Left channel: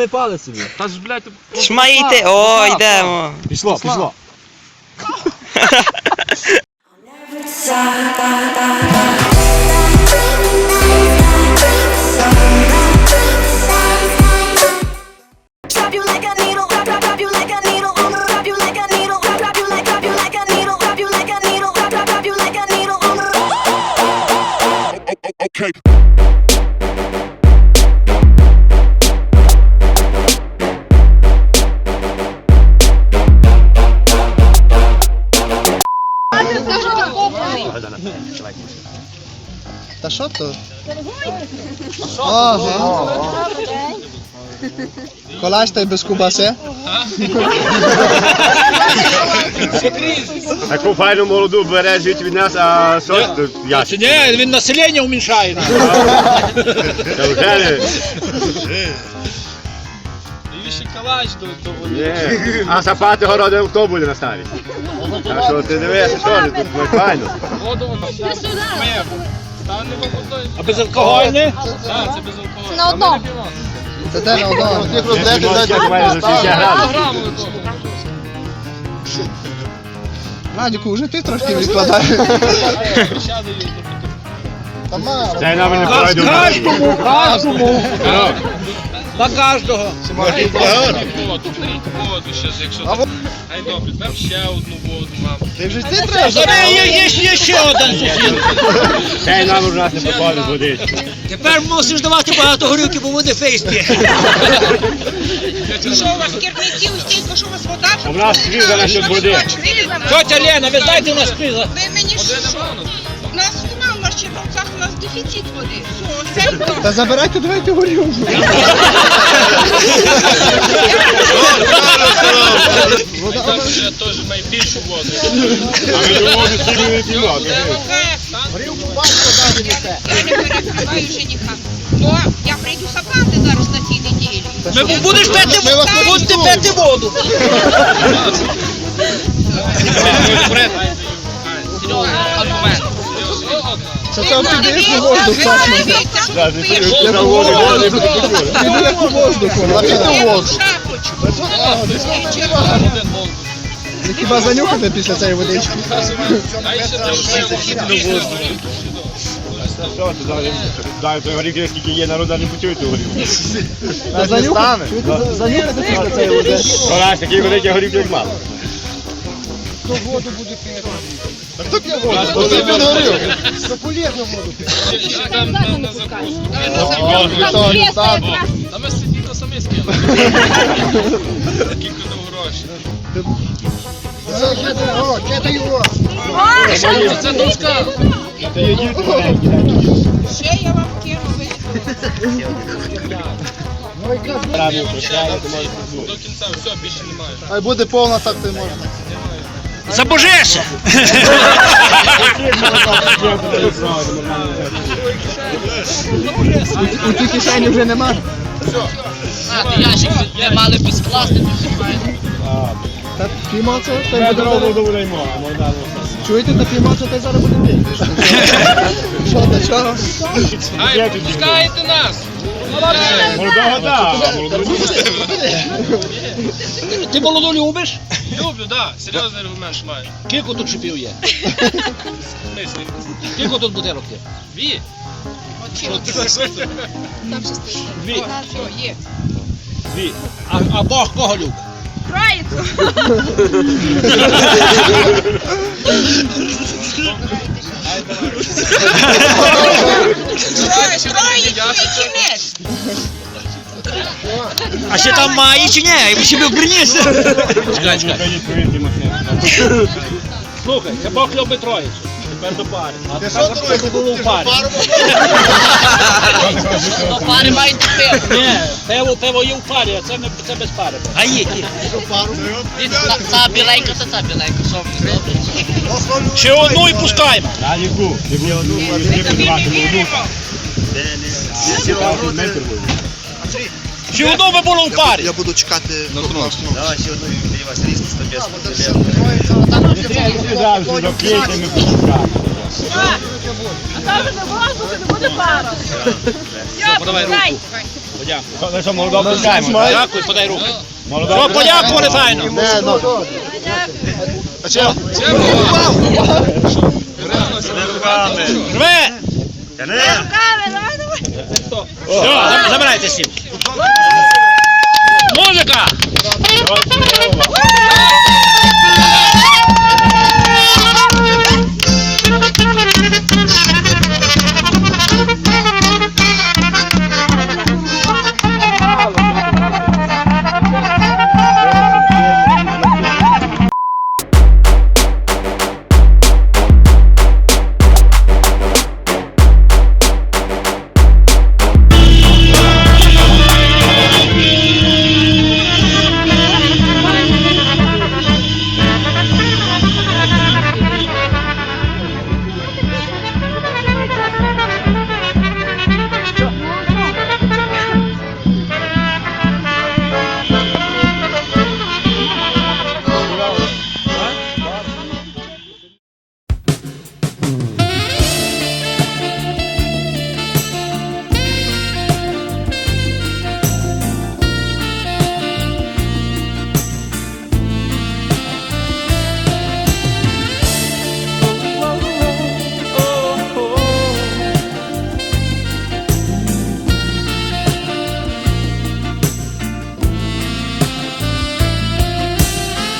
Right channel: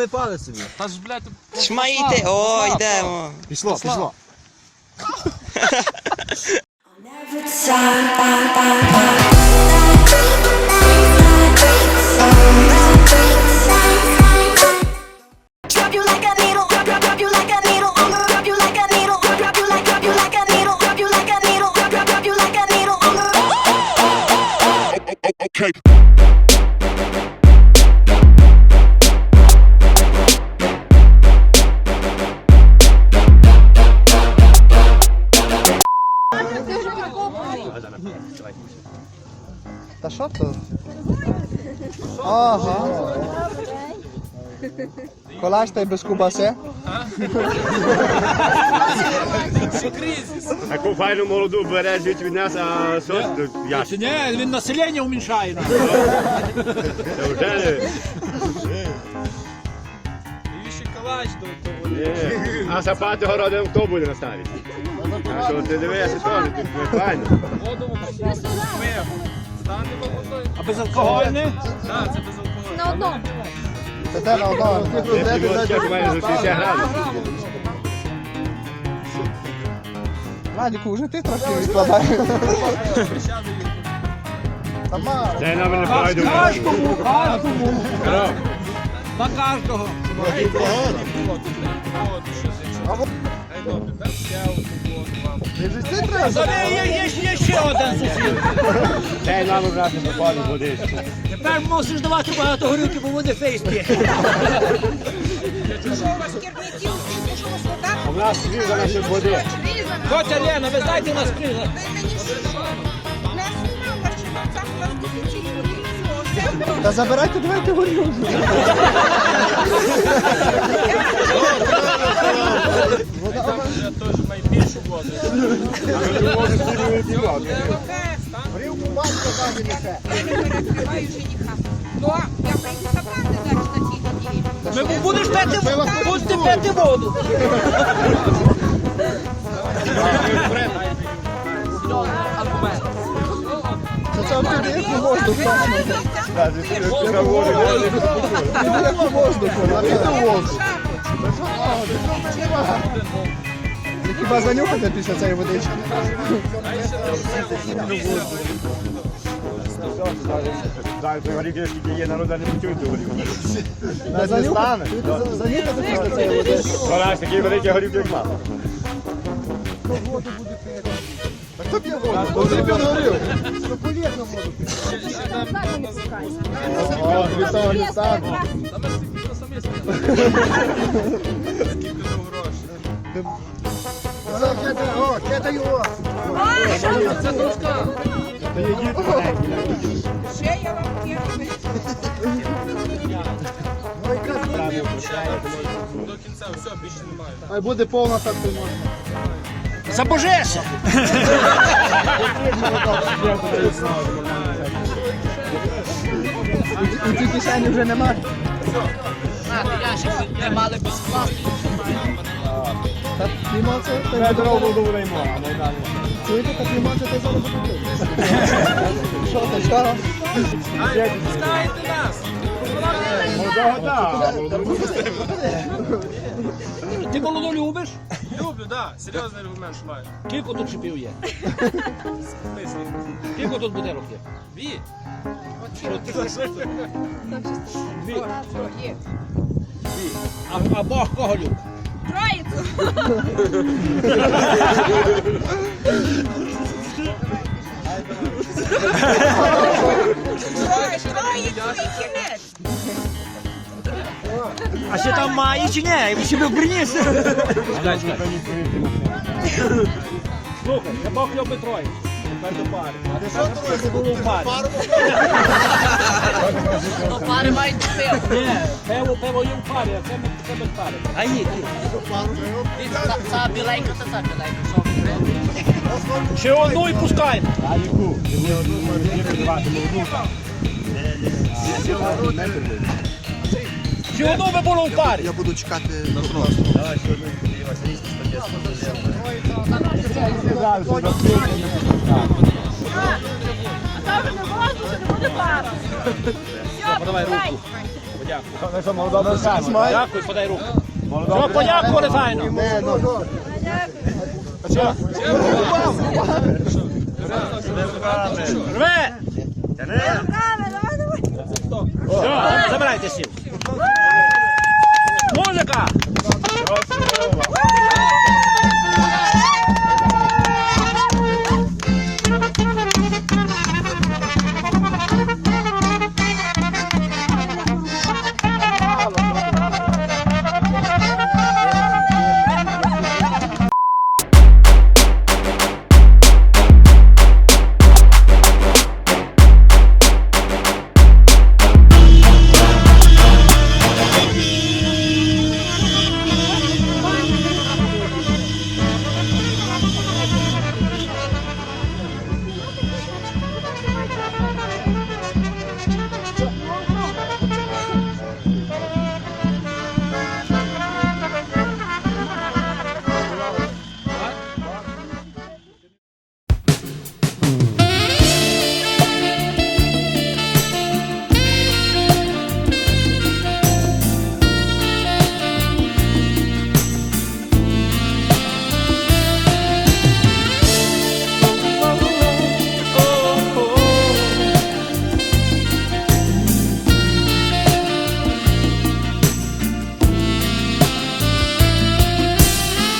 Саме палець собі. Та ж, блядь, Ж має йти. О, йдемо. Пішло, пішло. Drop Та що то? Ага. Колась та й без кубаси. Таку файну молоду бере жить від нас, а що ж тут я? Ні, він населення уміншає. Неужели? і ще калач до того. Ні. А сапати городом хто буде наставити? А що ти дивишся, що ж тут ну, файно? Воду воно. Пиво. Стане. А безалкогольне? Так, це без алкоголю. На одному. Це те на одному. Кілочки має за 60 градусів. Радіку, вже ти трошки відкладаєш. Дай нам не пройду. Кожному, кожному. На кожного. Воду, воду, щас, якщо... Ай, добре, там ще одну воду вам. Ти вже ти треба. Зараз є, є, є ще один сусід. Дай нам уже не попаде водички. Тепер мусиш давати багато горілки, бо вони фейс. Що у вас керівники устійка, що у вас вода? У нас свіжа насчет води. Тетя Лена, ви знаєте нас криза? Ви мені що? У нас дефіцит води. Та забирайте, давайте. Там вже теж найбільшу воду. П'ємо. Я не перекриваю жениха. Ну, я прийду сапати зараз на цій неділі. Ми будеш пити, будете пити воду. Це там підеш у воздух, Ви так. подивіться, що ви пишете. Піде як у воздуху, а піде у Я воздух. Хіба занюхати після цієї водички? Дай той горіх, скільки є народу, не почують ту горіх. Занюхати? Після цієї води. Вона ж такий великий горіх, як мало. А хто п'є воду? Хто п'є воду? Ще, ще дам на, на закуску. Та ми сиділи самі скільки. Скільки дав гроші. Ще я вам керую. До кінця, все, більше немає. Хай буде повна, так ти можна. Забожешся. У тій кишені вже нема. Ящик не мали би скласти. Та піймо це, та й буде Чуєте, та піймо це, та й зараз буде пити. Що, та чого? Ай, пускайте нас! Молодого молодого Ти молоду любиш? Люблю, да, серйозний аргумент маю. Кілько тут шипів є? Мислі. Кілько тут бутилок є? Ві. Дві. Є. Дві. А, а Бог кого любить? Троїцю. Троїцю і кінець. А ще там має чи ні? Ви ще би вберніться. Чекай, чекай. Слухай, це Бог любить троїцю. Тепер до пари. А тепер це було в парі. До пари мають пиво. Ні, пиво, пиво є в парі, а це, не, це без пари. А є, є. Та біленька, та та біленька. Що добре? Ще одну і пускаємо. Далеку, не було одну, не подавати молоду. Ще одну би було в парі. Я буду чекати. Подавай руку. Дякую. що молодого пускаємо. Дякую, подай руку. О, подякували файно. Не, ну. А че? Рве! Забирайте сім. Музика!